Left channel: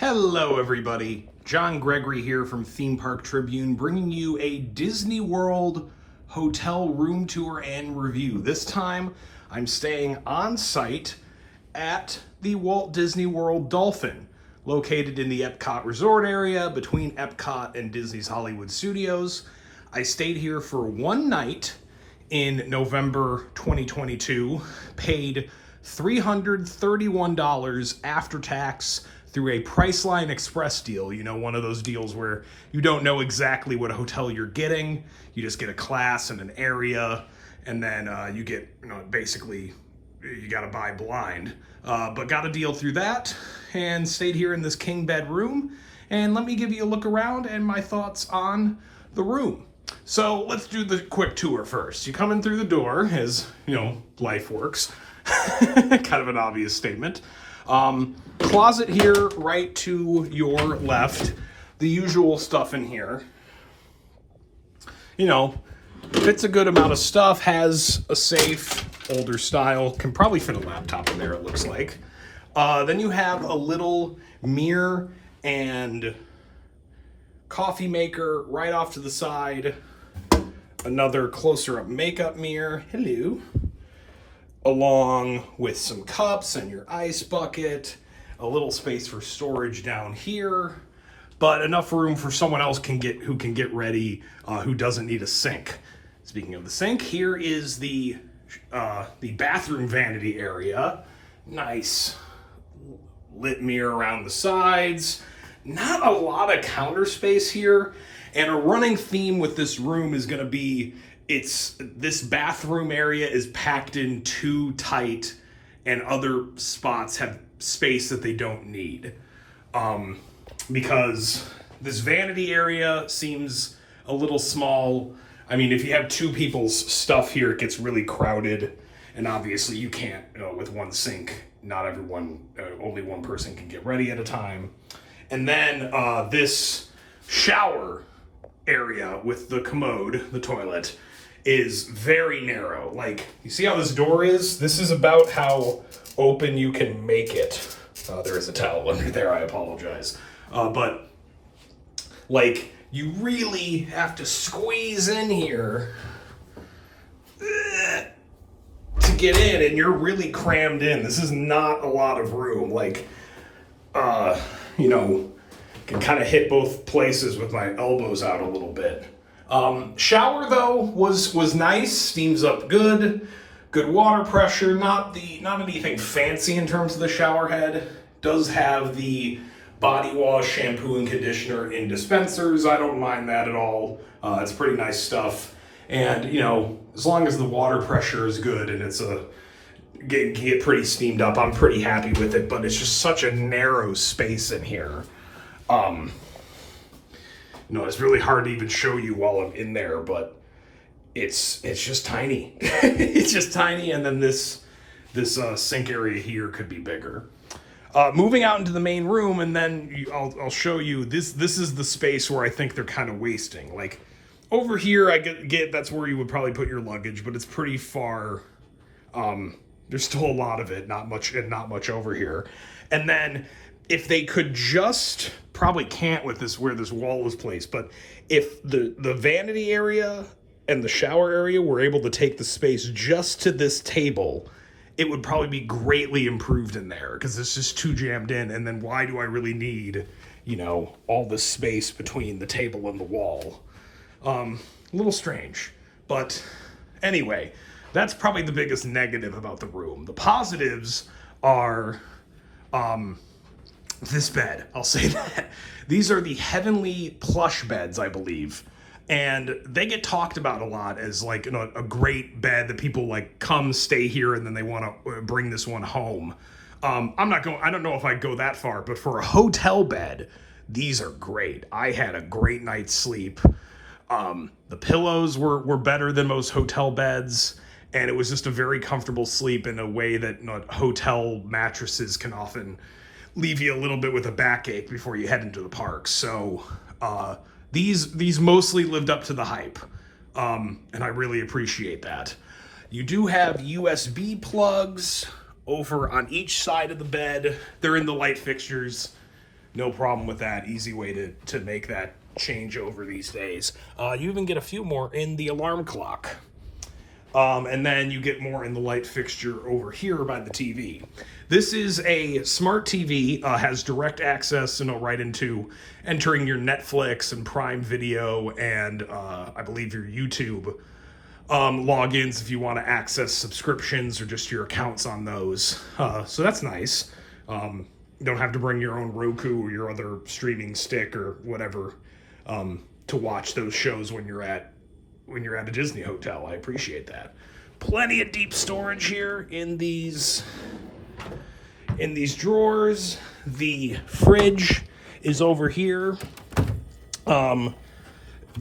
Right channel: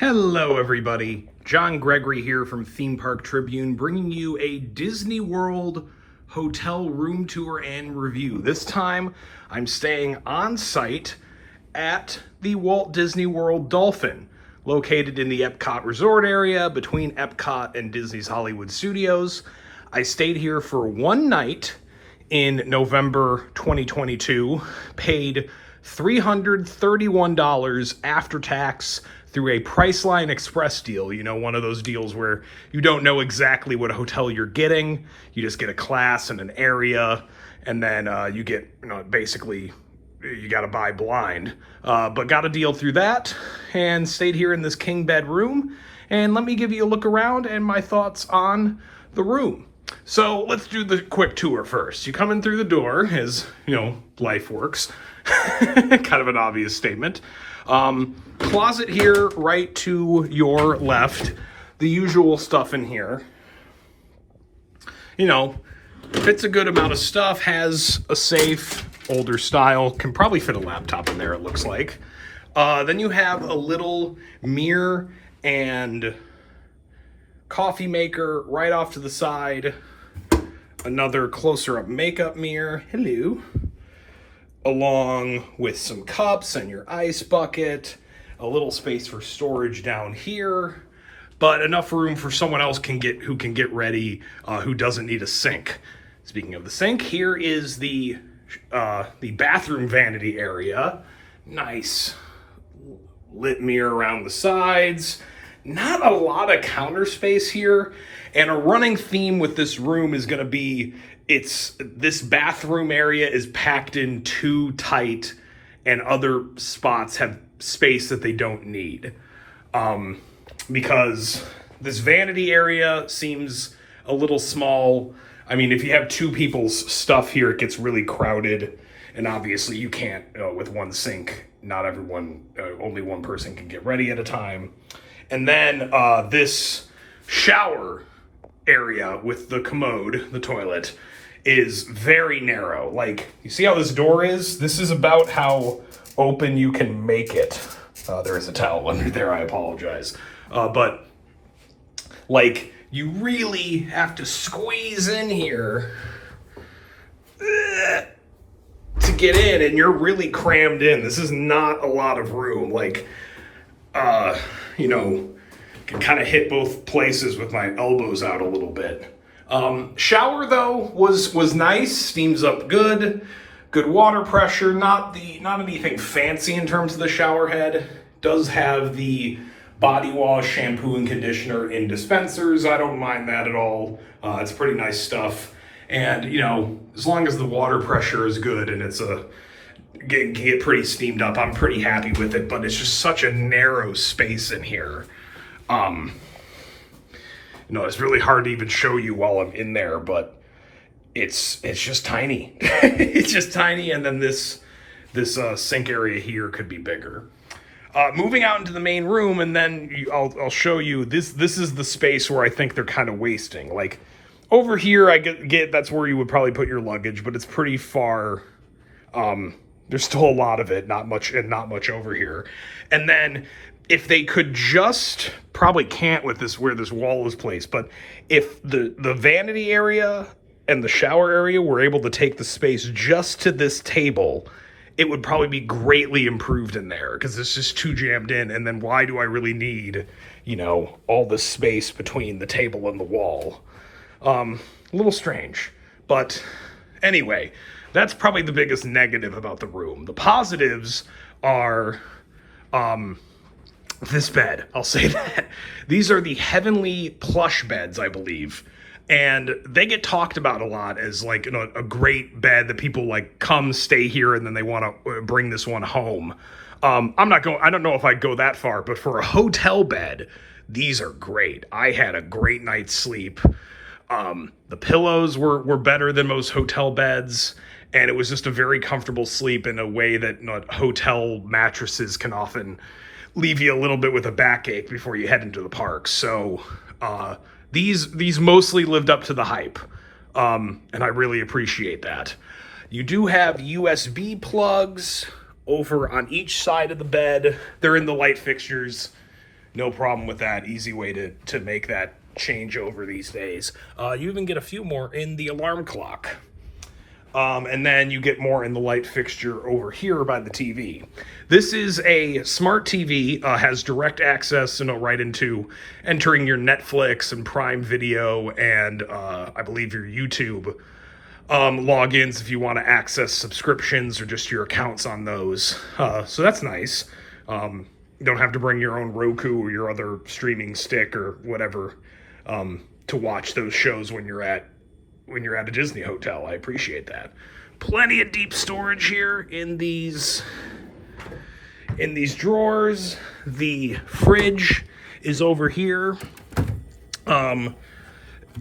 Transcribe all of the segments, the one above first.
Hello everybody, John Gregory here from Theme Park Tribune, bringing you a Disney World hotel room tour and review. This time I'm staying on site at the Walt Disney World Dolphin, located in the Epcot Resort area between Epcot and Disney's Hollywood Studios. I stayed here for one night in November 2022, paid $331 after tax through a Priceline Express deal. You know, one of those deals where you don't know exactly what hotel you're getting. You just get a class and an area, and then you get, basically, you got to buy blind. But got a deal through that and stayed here in this king bed room. And let me give you a look around and my thoughts on the room. So let's do the quick tour first. You come in through the door, as, life works. Kind of an obvious statement. Closet here right to your left. The usual stuff in here. Fits a good amount of stuff. Has a safe, older style. Can probably fit a laptop in there, it looks like. Then you have a little mirror and coffee maker right off to the side. Another closer up makeup mirror. Hello. Along with some cups and your ice bucket, a little space for storage down here, but enough room for someone else who can get ready, who doesn't need a sink. Speaking of the sink, here is the bathroom vanity area. Nice lit mirror around the sides. Not a lot of counter space here, and a running theme with this room is going to be this bathroom area is packed in too tight, and other spots have space that they don't need. Because this vanity area seems a little small. I mean, if you have two people's stuff here, it gets really crowded, and obviously you can't, with one sink, not everyone, only one person can get ready at a time. And then this shower area with the commode, the toilet, is very narrow. Like, you see how this door is? This is about how open you can make it. There is a towel under there, I apologize. But, like, you really have to squeeze in here to get in, and you're really crammed in. This is not a lot of room. Like, can kind of hit both places with my elbows out a little bit. Shower though was nice, steams up good water pressure, not anything fancy in terms of the shower head. Does have the body wash, shampoo, and conditioner in dispensers. I don't mind that at all. It's pretty nice stuff. And as long as the water pressure is good and it's get pretty steamed up, I'm pretty happy with it. But it's just such a narrow space in here. It's really hard to even show you while I'm in there, but it's just tiny. It's just tiny, and then this sink area here could be bigger. Moving out into the main room, and then I'll show you this. This is the space where I think they're kind of wasting. Like over here, I get that's where you would probably put your luggage, but it's pretty far. There's still a lot of it, not much over here, and then. If they could just, probably can't with this where this wall is placed, but if the vanity area and the shower area were able to take the space just to this table, it would probably be greatly improved in there, because it's just too jammed in. And then why do I really need, all this space between the table and the wall? A little strange. But anyway, that's probably the biggest negative about the room. The positives are... this bed, I'll say that. These are the Heavenly plush beds, I believe. And they get talked about a lot as like a great bed that people like come stay here and then they want to bring this one home. I don't know if I'd go that far, but for a hotel bed, these are great. I had a great night's sleep. The pillows were better than most hotel beds. And it was just a very comfortable sleep in a way that hotel mattresses can often leave you a little bit with a backache before you head into the park. So these mostly lived up to the hype, and I really appreciate that. You do have USB plugs over on each side of the bed. They're in the light fixtures. No problem with that. Easy way to make that change over these days. You even get a few more in the alarm clock. And then you get more in the light fixture over here by the TV. This is a smart TV, has direct access, right into entering your Netflix and Prime Video and I believe your YouTube logins if you want to access subscriptions or just your accounts on those. So that's nice. You don't have to bring your own Roku or your other streaming stick or whatever to watch those shows when you're at a Disney hotel. I appreciate that. Plenty of deep storage here in these drawers. The fridge is over here.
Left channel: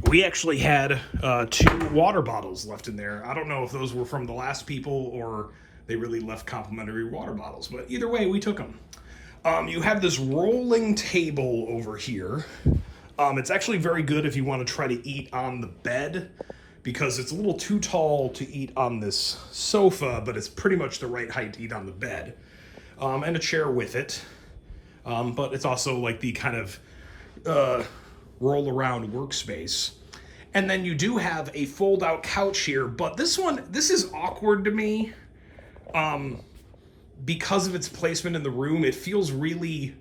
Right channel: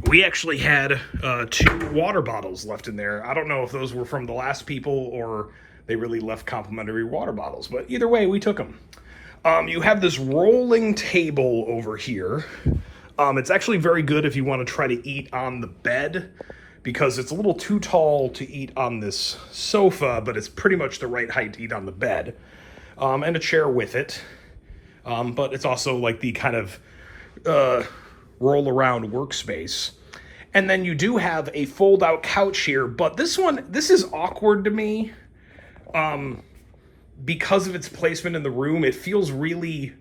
We actually had 2 water bottles left in there. I don't know if those were from the last people or they really left complimentary water bottles, but either way, we took them. You have this rolling table over here. It's actually very good if you want to try to eat on the bed, because it's a little too tall to eat on this sofa, but it's pretty much the right height to eat on the bed. And a chair with it. But it's also like the kind of roll around workspace. And then you do have a fold out couch here, but this is awkward to me. Because of its placement in the room, it feels really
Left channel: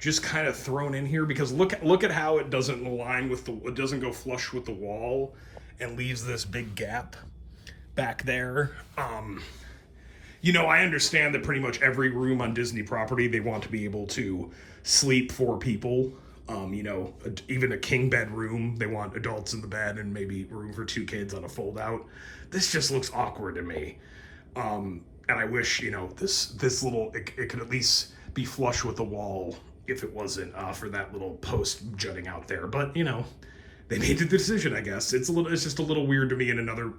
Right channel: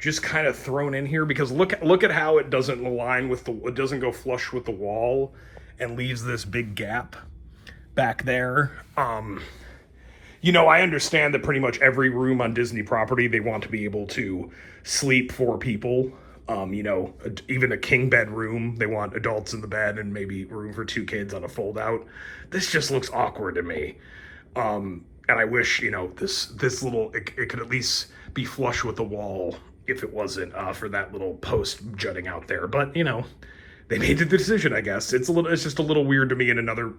just kind of thrown in here, because look at how it doesn't align with it doesn't go flush with the wall and leaves this big gap back there. I understand that pretty much every room on Disney property, they want to be able to sleep 4 people. Even a king bed room, they want adults in the bed and maybe room for 2 kids on a fold out. This just looks awkward to me. And I wish, this little, it could at least be flush with the wall if it wasn't for that little post jutting out there. But, they made the decision, I guess. It's just a little weird to me in another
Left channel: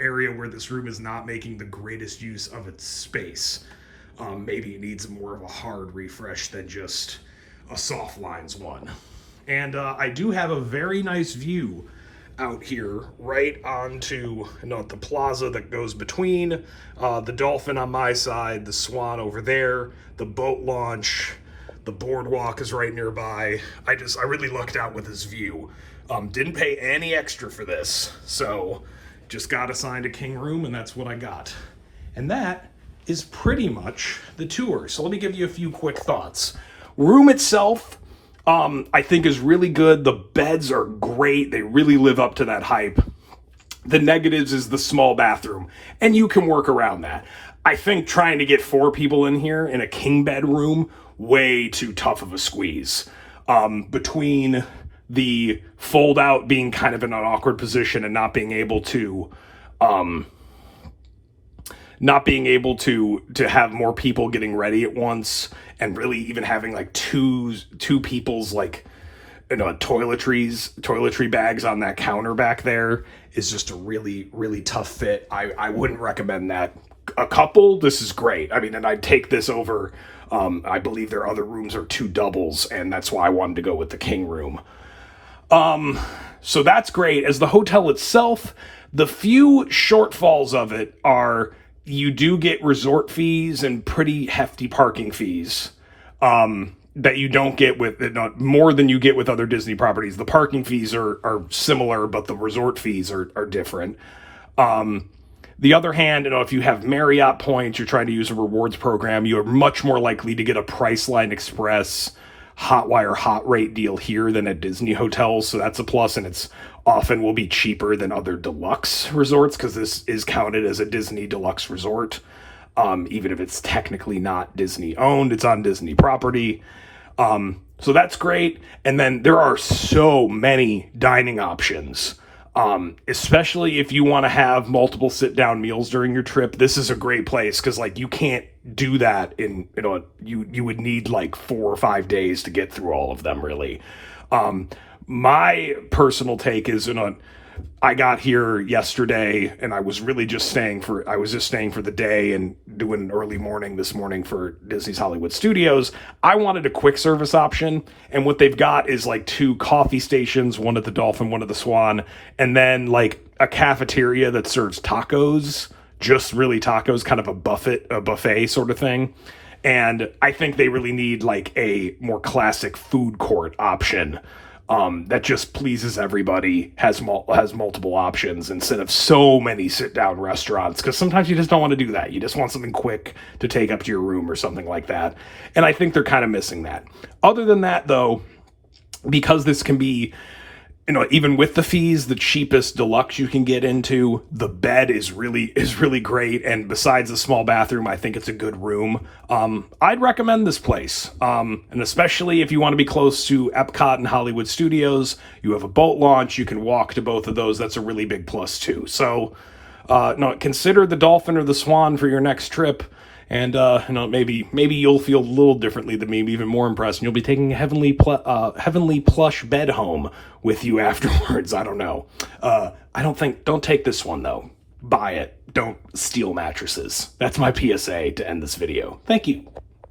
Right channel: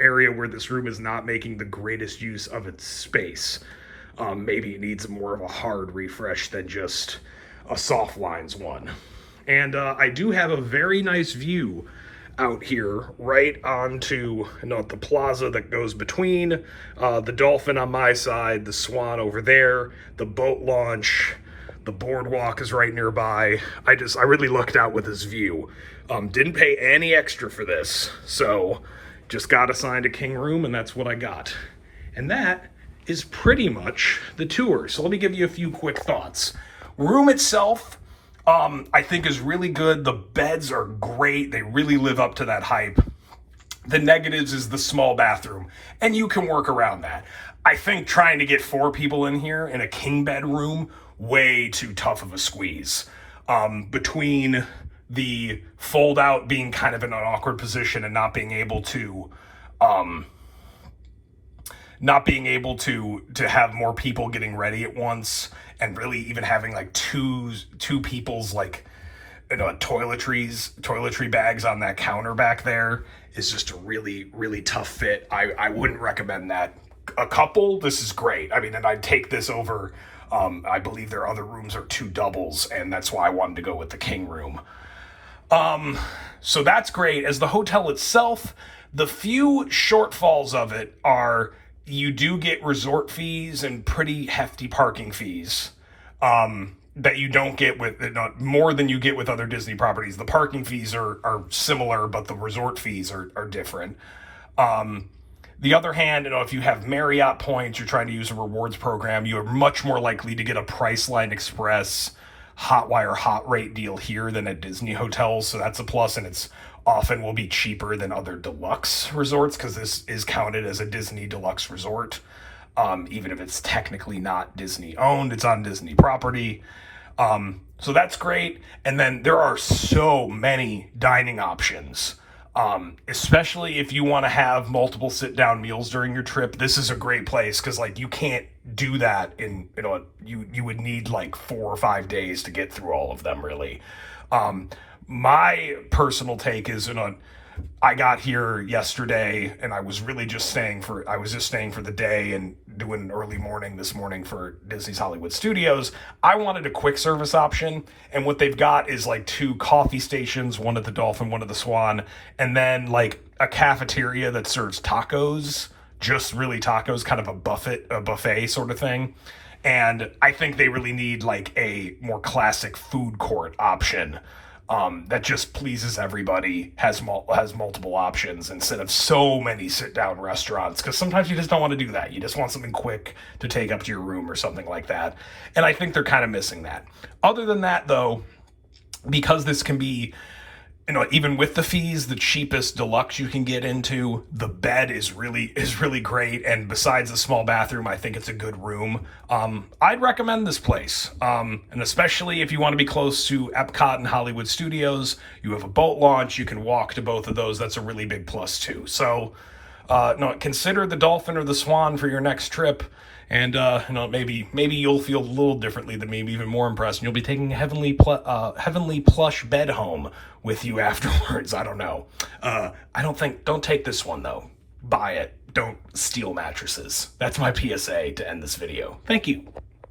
area where this room is not making the greatest use of its space. Maybe it needs more of a hard refresh than just a soft lines one. And I do have a very nice view out here right onto the plaza that goes between the Dolphin on my side, the Swan over there, the boat launch, the boardwalk is right nearby. I really lucked out with this view. Didn't pay any extra for this, so just got assigned a king room, and that's what I got. And that is pretty much the tour. So let me give you a few quick thoughts. Room itself, I think is really good. The beds are great. They really live up to that hype. The negatives is the small bathroom, and you can work around that. I think trying to get 4 people in here in a king bed room, way too tough of a squeeze. Between the fold out being kind of in an awkward position and not being able to have more people getting ready at once, and really even having like two people's toiletry bags on that counter back there is just a really, really tough fit. I wouldn't recommend that. A couple, this is great. I mean, and I'd take this over. I believe their other rooms are 2 doubles, and that's why I wanted to go with the king room. So that's great. As the hotel itself, the few shortfalls of it are you do get resort fees and pretty hefty parking fees that you don't get with, more than you get with other Disney properties. The parking fees are similar, but the resort fees are different. The other hand, if you have Marriott points, you're trying to use a rewards program, you're much more likely to get a Priceline Express Hotwire hot rate deal here than at Disney hotels. So that's a plus, and it's often will be cheaper than other deluxe resorts because this is counted as a Disney deluxe resort. Even if it's technically not Disney owned, it's on Disney property. So that's great. And then there are so many dining options. Especially if you want to have multiple sit-down meals during your trip, this is a great place because you can't do that in you would need 4 or 5 days to get through all of them, really. My personal take is I got here yesterday and I was just staying for the day and doing early morning this morning for Disney's Hollywood Studios. I wanted a quick service option, and what they've got is 2 coffee stations, one at the Dolphin, one at the Swan, and then a cafeteria that serves tacos, just really tacos, kind of a buffet sort of thing. And I think they really need like a more classic food court option that just pleases everybody, has multiple options instead of so many sit-down restaurants. Because sometimes you just don't want to do that. You just want something quick to take up to your room or something like that. And I think they're kind of missing that. Other than that, though, because this can be, even with the fees, the cheapest deluxe you can get into, the bed is really great. And besides the small bathroom, I think it's a good room. I'd recommend this place. And especially if you want to be close to Epcot and Hollywood Studios, you have a boat launch, you can walk to both of those. That's a really big plus too. So, no, consider the Dolphin or the Swan for your next trip. And maybe you'll feel a little differently than me, even more impressed, and you'll be taking a heavenly plush bed home with you afterwards. I don't know. Don't take this one though. Buy it. Don't steal mattresses. That's my PSA to end this video. Thank you.